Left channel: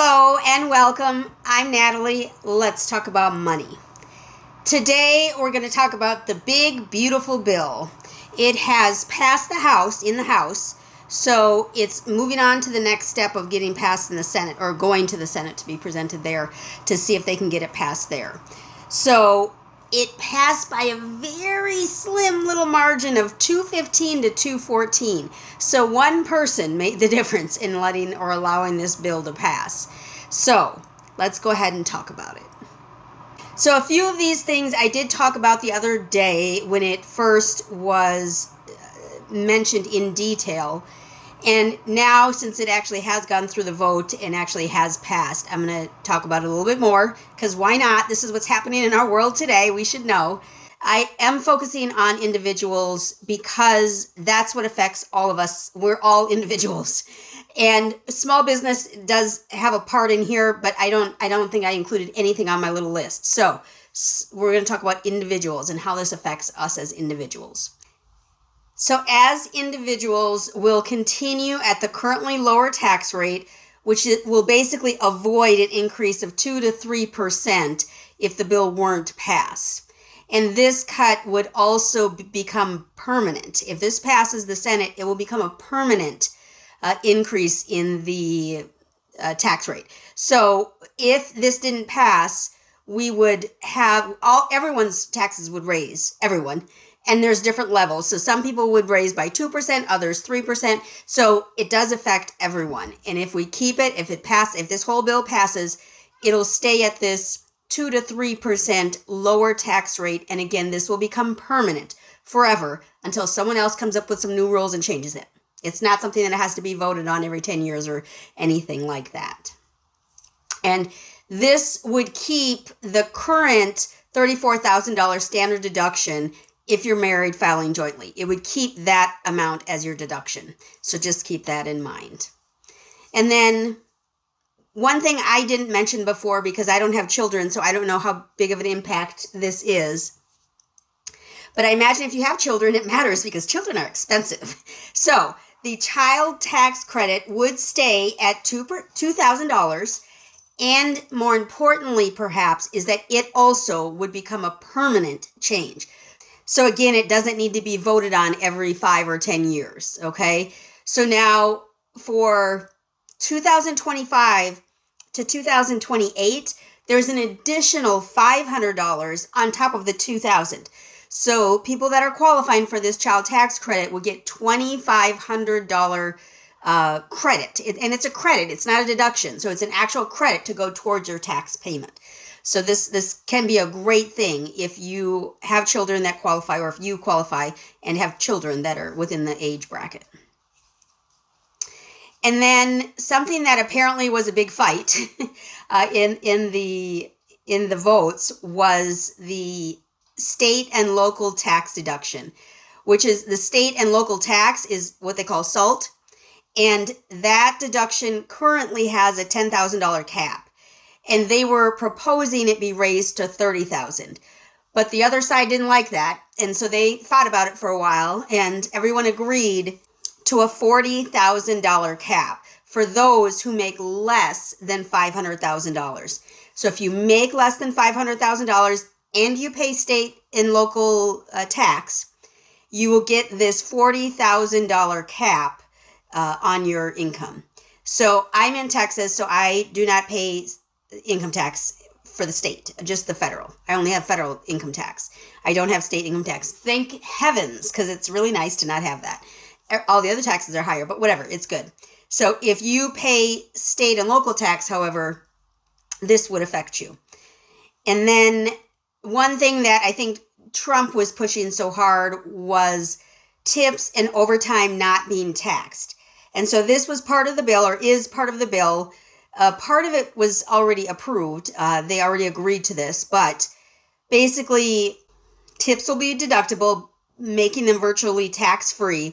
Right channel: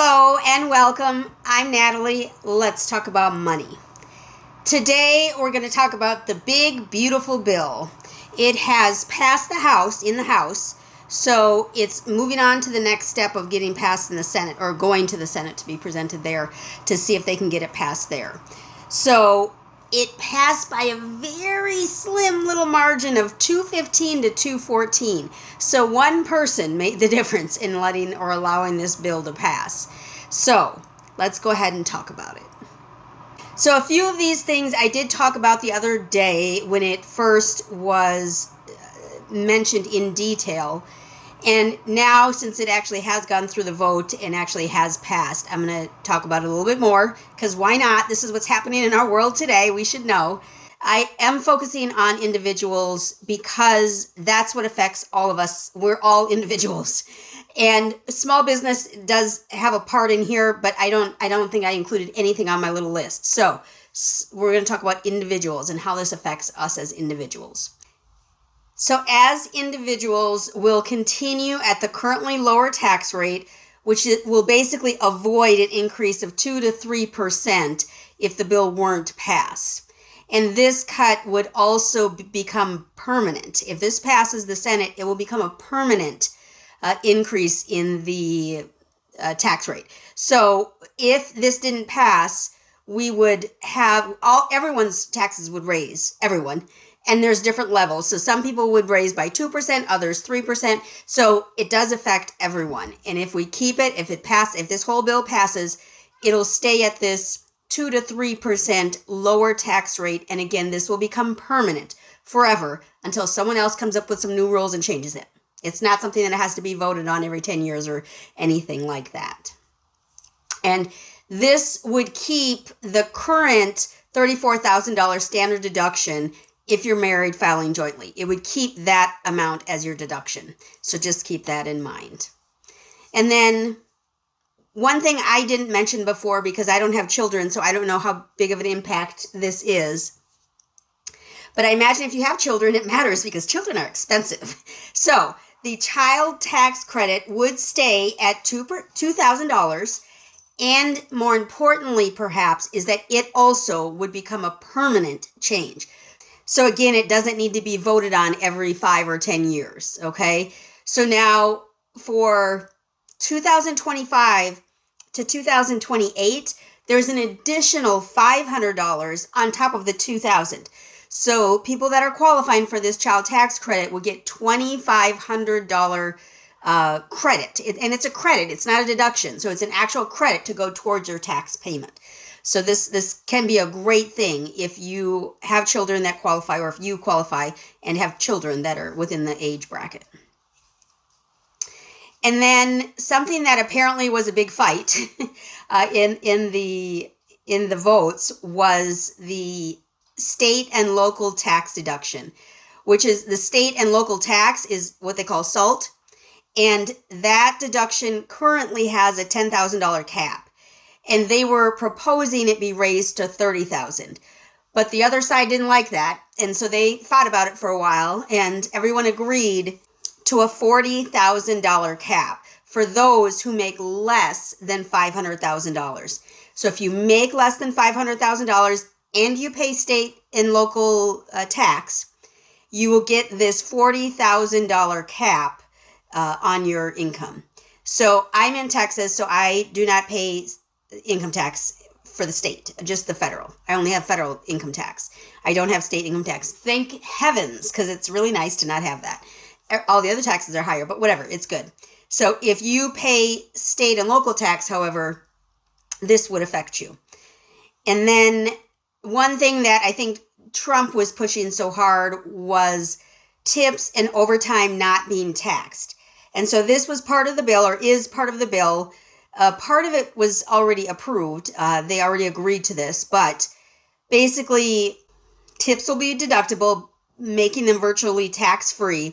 Hello and welcome. I'm Natalie. Let's talk about money. Today we're going to talk about the big, beautiful bill. It has passed the House, so it's moving on to the next step of getting passed in the Senate, or going to the Senate to be presented there to see if they can get it passed there. So it passed by a very slim little margin of 215 to 214. So one person made the difference in letting or allowing this bill to pass. So let's go ahead and talk about it. So a few of these things I did talk about the other day when it first was mentioned in detail. And now, since it actually has gone through the vote and actually has passed, I'm going to talk about it a little bit more, because why not? This is what's happening in our world today. We should know. I am focusing on individuals because that's what affects all of us. We're all individuals. And small business does have a part in here, but I don't think I included anything on my little list. So we're going to talk about individuals and how this affects us as individuals. So as individuals, we'll continue at the currently lower tax rate, which will basically avoid an increase of 2 to 3% if the bill weren't passed. And this cut would also become permanent. If this passes the Senate, it will become a permanent increase in the tax rate. So if this didn't pass, we would have everyone's taxes would raise, everyone. And there's different levels. So some people would raise by 2%, others 3%. So it does affect everyone. And if we keep it, if this whole bill passes, it'll stay at this 2 to 3% lower tax rate. And again, this will become permanent forever until someone else comes up with some new rules and changes it. It's not something that has to be voted on every 10 years or anything like that. And this would keep the current $34,000 standard deduction if you're married filing jointly. It would keep that amount as your deduction. So just keep that in mind. And then one thing I didn't mention before, because I don't have children, so I don't know how big of an impact this is. But I imagine if you have children, it matters because children are expensive. So the child tax credit would stay at $2,000. And more importantly, perhaps, is that it also would become a permanent change. So again, it doesn't need to be voted on every 5 or 10 years, okay? So now for 2025 to 2028, there's an additional $500 on top of the $2,000. So people that are qualifying for this child tax credit will get $2,500 credit. And it's a credit, it's not a deduction. So it's an actual credit to go towards your tax payment. So this can be a great thing if you have children that qualify, or if you qualify and have children that are within the age bracket. And then something that apparently was a big fight in the votes was the state and local tax deduction, which is the state and local tax is what they call SALT. And that deduction currently has a $10,000 cap. And they were proposing it be raised to $30,000. But the other side didn't like that. And so they thought about it for a while, and everyone agreed to a $40,000 cap for those who make less than $500,000. So if you make less than $500,000 and you pay state and local tax, you will get this $40,000 cap on your income. So I'm in Texas, so I do not pay income tax for the state, just the federal. I only have federal income tax. I don't have state income tax. Thank heavens, because it's really nice to not have that. All the other taxes are higher, but whatever, it's good. So if you pay state and local tax, however, this would affect you. And then one thing that I think Trump was pushing so hard was tips and overtime not being taxed. And so this was part of the bill, or is part of the bill. Part of it was already approved. They already agreed to this, but basically tips will be deductible, making them virtually tax-free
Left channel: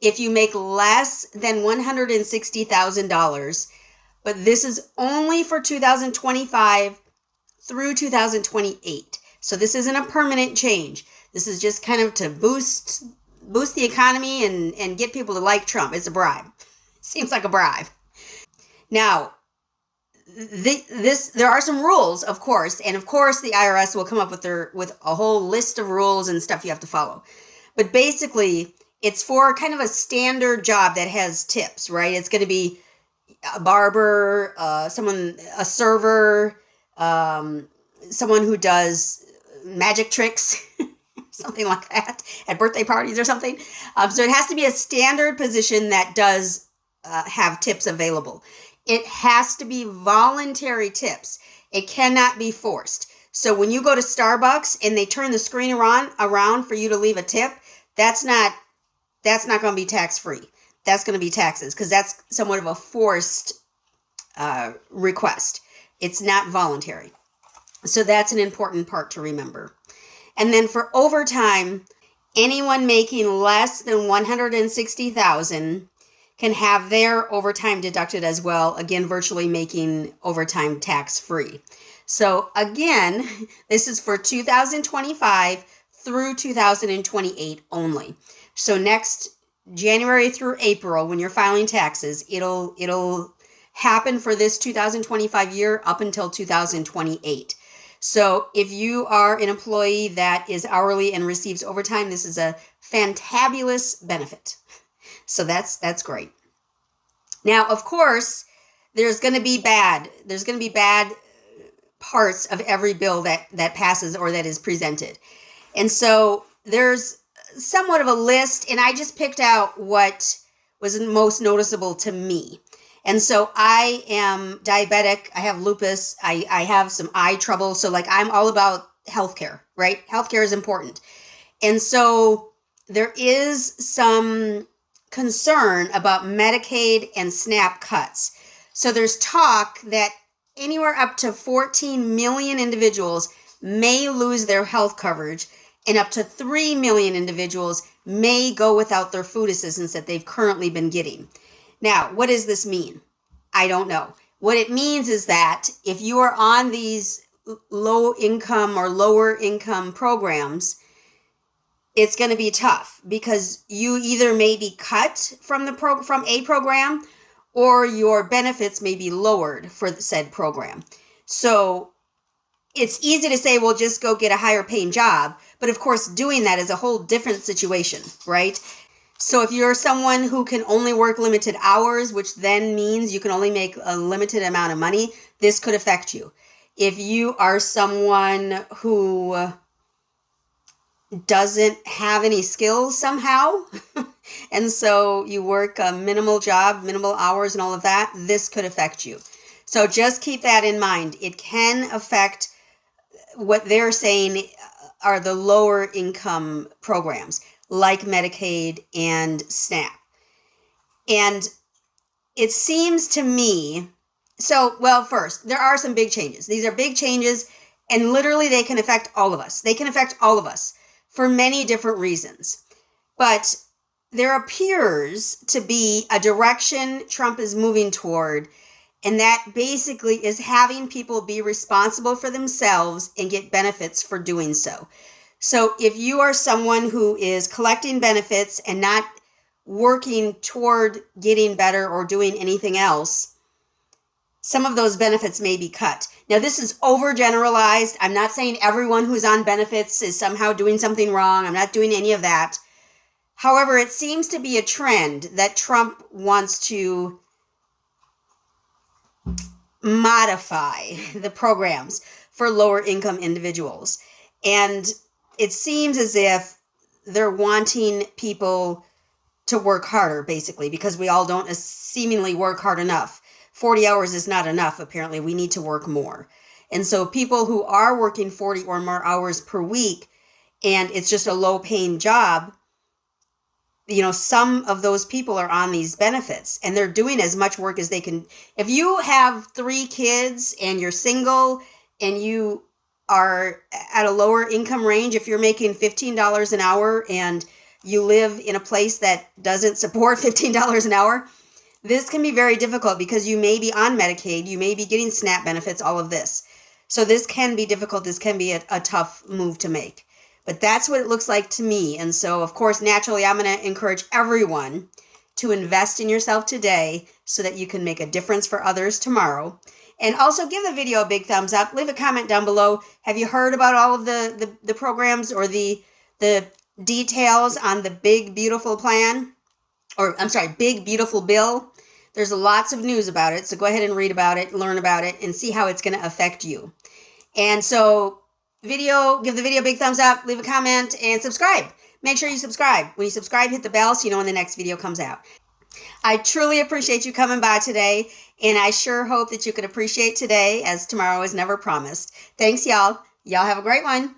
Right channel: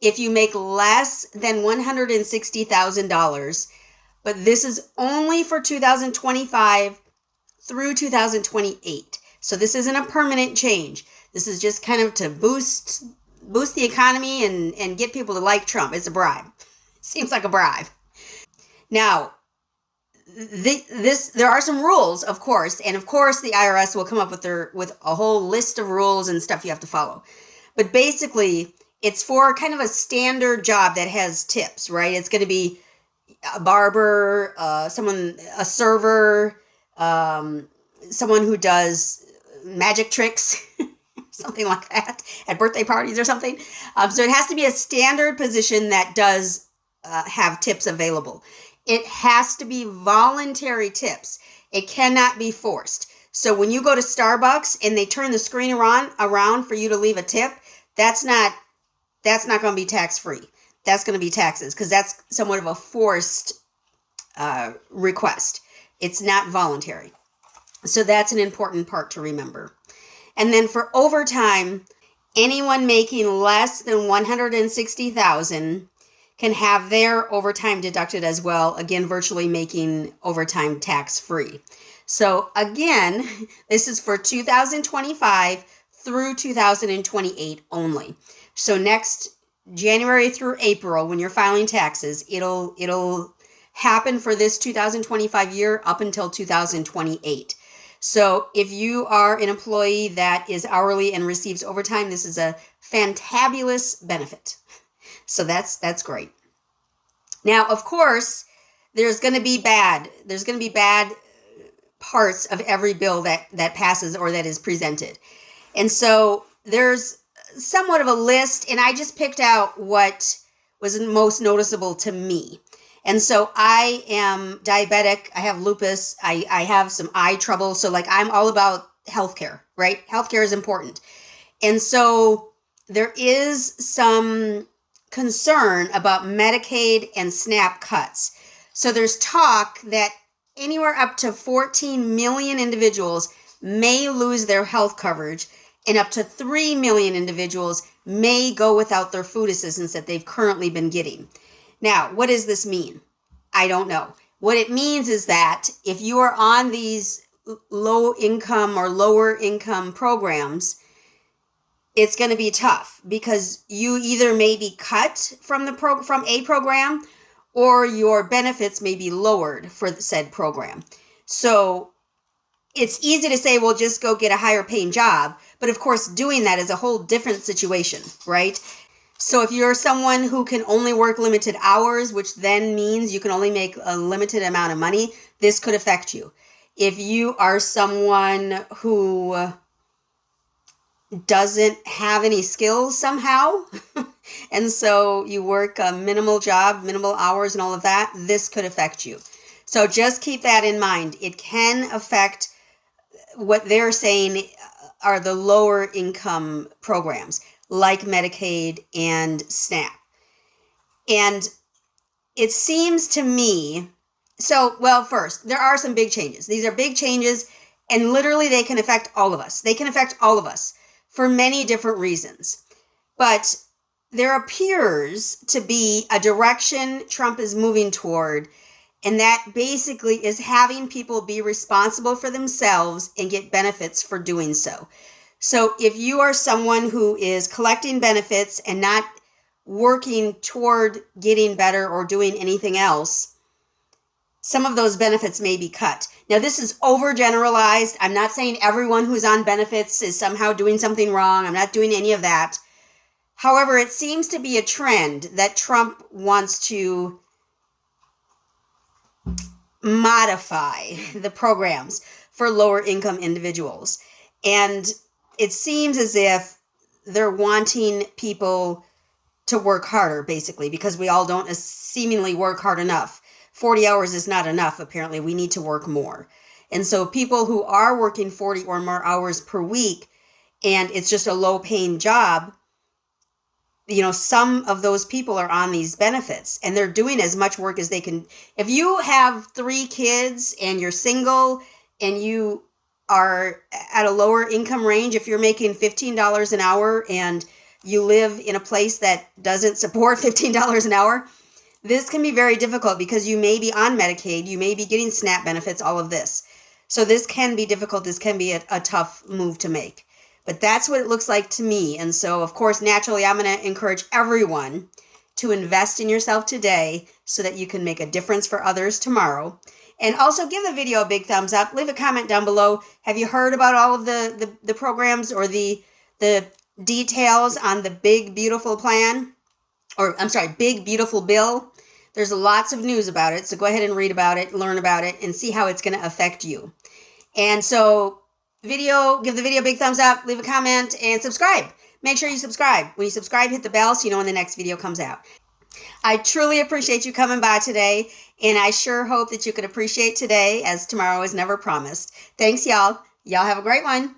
if you make less than $160,000. But this is only for 2025 through 2028. So this isn't a permanent change. This is just kind of to boost the economy and get people to like Trump. It's a bribe. Seems like a bribe. Now, there are some rules, of course, and of course the IRS will come up with a whole list of rules and stuff you have to follow. But basically, it's for kind of a standard job that has tips, right? It's going to be a barber, a server, someone who does magic tricks, something like that, at birthday parties or something. So it has to be a standard position that does have tips available. It has to be voluntary tips. It cannot be forced. So when you go to Starbucks and they turn the screen around for you to leave a tip, that's not going to be tax-free. That's going to be taxes, because that's somewhat of a forced request. It's not voluntary. So that's an important part to remember. And then for overtime, anyone making less than $160,000 can have their overtime deducted as well, again, virtually making overtime tax-free. So again, this is for 2025 through 2028 only. So next January through April, when you're filing taxes, it'll happen for this 2025 year up until 2028. So if you are an employee that is hourly and receives overtime, this is a fantabulous benefit. So that's great. Now, of course, there's going to be bad parts of every bill that passes or that is presented. And so there's somewhat of a list, and I just picked out what was most noticeable to me. And so I am diabetic. I have lupus. I have some eye trouble. So I'm all about healthcare, right? Healthcare is important. And so there is some concern about Medicaid and SNAP cuts. So there's talk that anywhere up to 14 million individuals may lose their health coverage, and up to 3 million individuals may go without their food assistance that they've currently been getting. Now, what does this mean? I don't know. What it means is that if you are on these low income or lower income programs, it's going to be tough, because you either may be cut from a program, or your benefits may be lowered for the said program. So it's easy to say, well, just go get a higher paying job. But of course, doing that is a whole different situation, right? So if you're someone who can only work limited hours, which then means you can only make a limited amount of money, this could affect you. If you are someone who doesn't have any skills somehow, and so you work a minimal job, minimal hours and all of that, this could affect you. So just keep that in mind. It can affect what they're saying are the lower income programs like Medicaid and SNAP. And it seems to me, first, there are some big changes. These are big changes, and literally they can affect all of us. They can affect all of us for many different reasons. But there appears to be a direction Trump is moving toward, and that basically is having people be responsible for themselves and get benefits for doing so. So if you are someone who is collecting benefits and not working toward getting better or doing anything else, some of those benefits may be cut. Now, this is overgeneralized. I'm not saying everyone who's on benefits is somehow doing something wrong. I'm not doing any of that. However, it seems to be a trend that Trump wants to modify the programs for lower income individuals. And it seems as if they're wanting people to work harder, basically, because we all don't seemingly work hard enough. 40 hours is not enough, apparently. We need to work more. And so people who are working 40 or more hours per week, and it's just a low-paying job, some of those people are on these benefits, and they're doing as much work as they can. If you have 3 kids and you're single and you are at a lower income range, if you're making $15 an hour and you live in a place that doesn't support $15 an hour, this can be very difficult, because you may be on Medicaid, you may be getting SNAP benefits, all of this. So this can be difficult. This can be a tough move to make. But that's what it looks like to me. And so, of course, naturally, I'm going to encourage everyone to invest in yourself today so that you can make a difference for others tomorrow. And also give the video a big thumbs up. Leave a comment down below. Have you heard about all of the programs or the details on the big, beautiful plan? Or, I'm sorry, big, beautiful bill? There's lots of news about it. So go ahead and read about it, learn about it, and see how it's going to affect you. And so give the video a big thumbs up, leave a comment, and subscribe. Make sure you subscribe. When you subscribe, hit the bell so you know when the next video comes out. I truly appreciate you coming by today, and I sure hope that you can appreciate today, as tomorrow is never promised. Thanks, y'all. Y'all have a great one.